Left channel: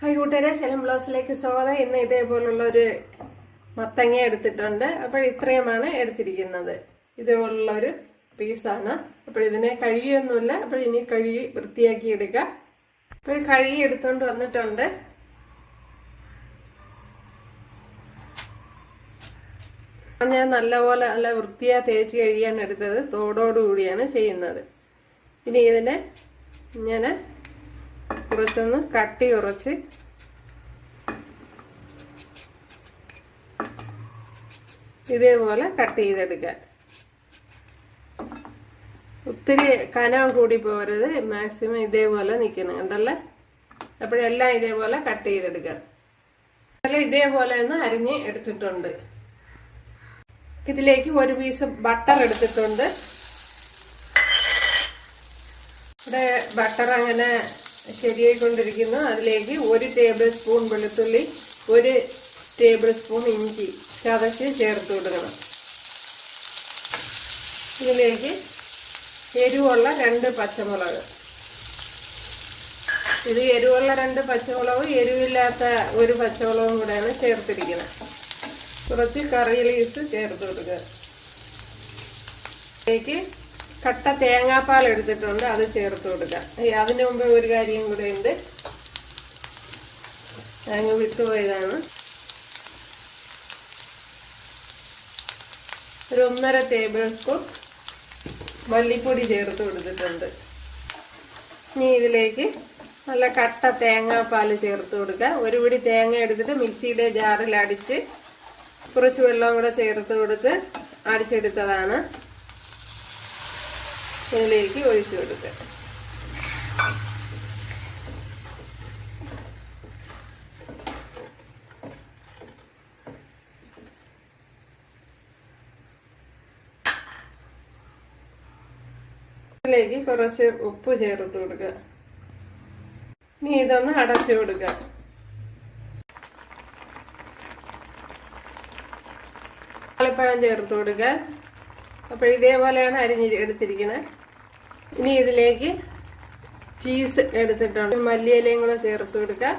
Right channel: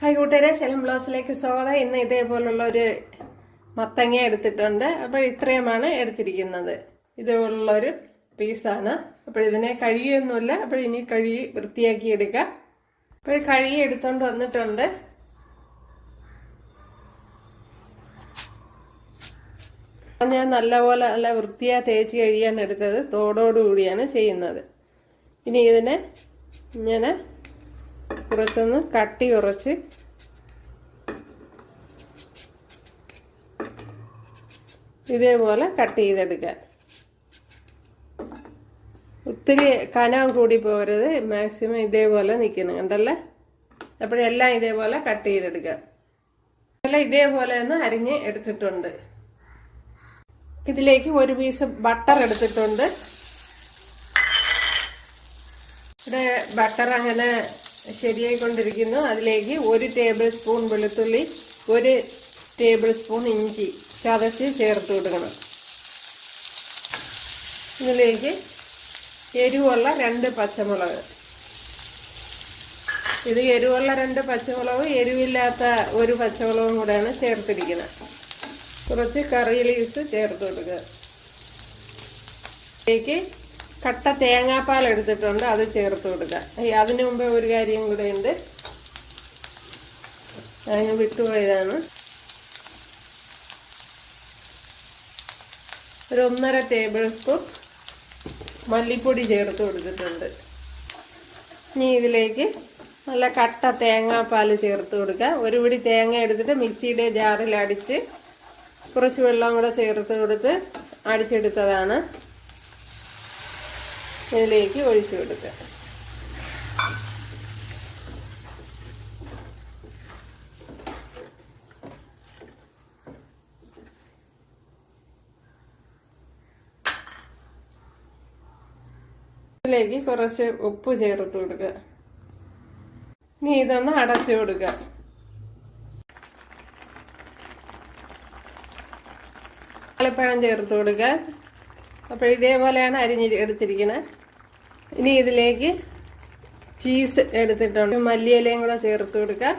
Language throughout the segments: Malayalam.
ഹായ് കൂട്ടുകാരെ, സെലം ബ്ലൗസിലേക്ക് സ്വാഗതം. ഇന്ന് ഇതേപോലുള്ള ഒരു മത്തങ്ങ എടുത്തിട്ടുണ്ട്. അപ്പോൾ ഇത്രയുമാണ് എടുത്തിരിക്കുന്നത്. ഇതേപോലുള്ള ഒരു പീസാണ്. അപ്പോൾ ഇതിനെ കഴുകിയൊന്നുമില്ല. അപ്പോൾ ഇനി കഴുകി വൃത്തിയാക്കി എടുക്കാം. അപ്പോൾ കഴുകി എടുത്തോണ്ട് വന്നിട്ടുണ്ട്. ഞാൻ നല്ലപോലെ നല്ല വൃത്തിയാ തേച്ച് കഴുകിയാണ് എടുത്തത്. തോടോടുകൂടിയാണ് ചെയ്യുന്നത്. ഇനി ഇതിനെ ഇങ്ങനെ കുറച്ചൊന്ന് കട്ടി കുറച്ച് ഇതേപോലെ കട്ട് ചെയ്തെടുക്കാൻ. ഒത്തിരി കനം കൂടി പോരുത്, മാക്സിമം ഇതേപോലെ നിൽക്കണം. കണ്ടല്ലേ? അപ്പോഴെല്ലാം ഇതേപോലെ കട്ട് ചെയ്തെടുക്കാം. ഇതേപോലെ ഒന്ന് അരിഞ്ഞ് എടുത്തിട്ടുണ്ട്. ഇതിലേക്ക് ഒരു പീസ് ബട്ടർ എടുത്തിട്ടുണ്ട്. ഇവിടെ ബട്ടർ അങ്ങനെ ശരിയായിക്കൊണ്ടിരിക്കുന്നു. അതിലേക്ക് 1 ടേബിൾ സ്പൂൺ വെളുത്തുള്ളി, 1 ടേബിൾ സ്പൂൺ ഇഞ്ചി ചതച്ച് ചേർത്ത് കൊടുക്കണം. ഇതിലേക്ക് എരിവുള്ള 2 പച്ചമുളക്. ഇത് എരിവുള്ള 2 പച്ചമുളക്, എരിവില്ലാത്ത 1 പച്ചമുളകും കൂടെയാണ് ചേർത്തിരിക്കുന്നത്. കുറച്ച് കറി ലീവ്സ് ചേർത്ത് കൊടുക്കുക. ഇതിലേക്ക് കട്ട തേങ്ങാപ്പാൽ എടുത്തിട്ടുണ്ട്, അത് ചേർത്ത് കൊടുക്കുക. അതിനു മുമ്പേ ഒരു കാര്യം കൂടെ ഉണ്ട്, അതിന് വിട്ടുപോയതാണ്. ഒരു 1.5 ടേബിൾ സ്പൂൺ മല്ലിപ്പൊടി ചേർത്ത് കൊടുത്തിട്ടുണ്ട്. ഇനി ഇതിലേക്ക് നല്ല കട്ട തേങ്ങാപ്പാൽ ചേർത്ത് കൊടുക്കുക. ഒരു പിടി തേങ്ങ എടുത്തിട്ട് മിക്സിയുടെ ജാറിൽ അടിച്ച് കുറച്ച് വെള്ളം കൂടെ ചേർത്ത് കൊടുത്ത് അടിച്ചെടുത്തതാണ്. ഇതിലേക്ക് ഒഴിച്ചു കൊടുക്കുക. ഇതിലേക്ക് കുറച്ച് ഉപ്പ് ചേർത്ത് കൊടുക്കുക. ഇനി ഇതൊന്ന് അടച്ചു കൊടുക്കുക. വാഴപ്പഴം ചേർത്ത് കൊടുക്കുക. അപ്പോൾ ഇതേപോലെയാണ് അരിഞ്ഞെടുത്തിരിക്കുന്നത്. ഇനി ഇതിലേക്ക് ചീസ് എടുത്തിട്ടുണ്ട്, മല്ലിയിലയും കൂടെ ചേർത്ത് കൊടുക്കുക.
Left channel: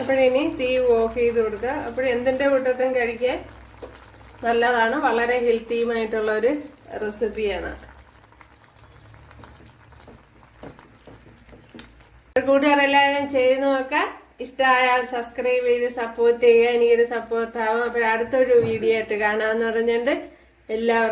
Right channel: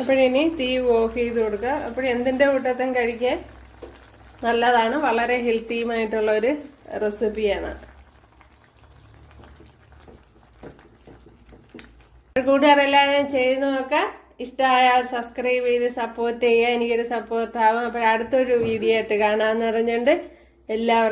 അപ്പോഴിനി തീ ഓഫ് ചെയ്ത് കൊടുക്കുക. അപ്പോഴെന്തിൻ്റെ കൂട്ടത്തും കഴിക്കാൻ നല്ലതാണ്. വളരെ ഹെൽത്തിയുമായിട്ടുള്ള ഒരു റെസിപ്പിയാണ്. കൂട്ടുകാരെല്ലാവരും ചെയ്ത് നോക്കാം. ഇഷ്ടമായാൽ സബ്സ്ക്രൈബ് ചെയ്ത് സപ്പോർട്ട് ചെയ്യുക. എനിക്കൊരു സപ്പോർട്ടാവും. അപ്പോൾ അടുത്തൊരു വീഡിയോ ആയിട്ട് കാണാമെന്ന് പറഞ്ഞുകൊണ്ട് എല്ലാവർക്കും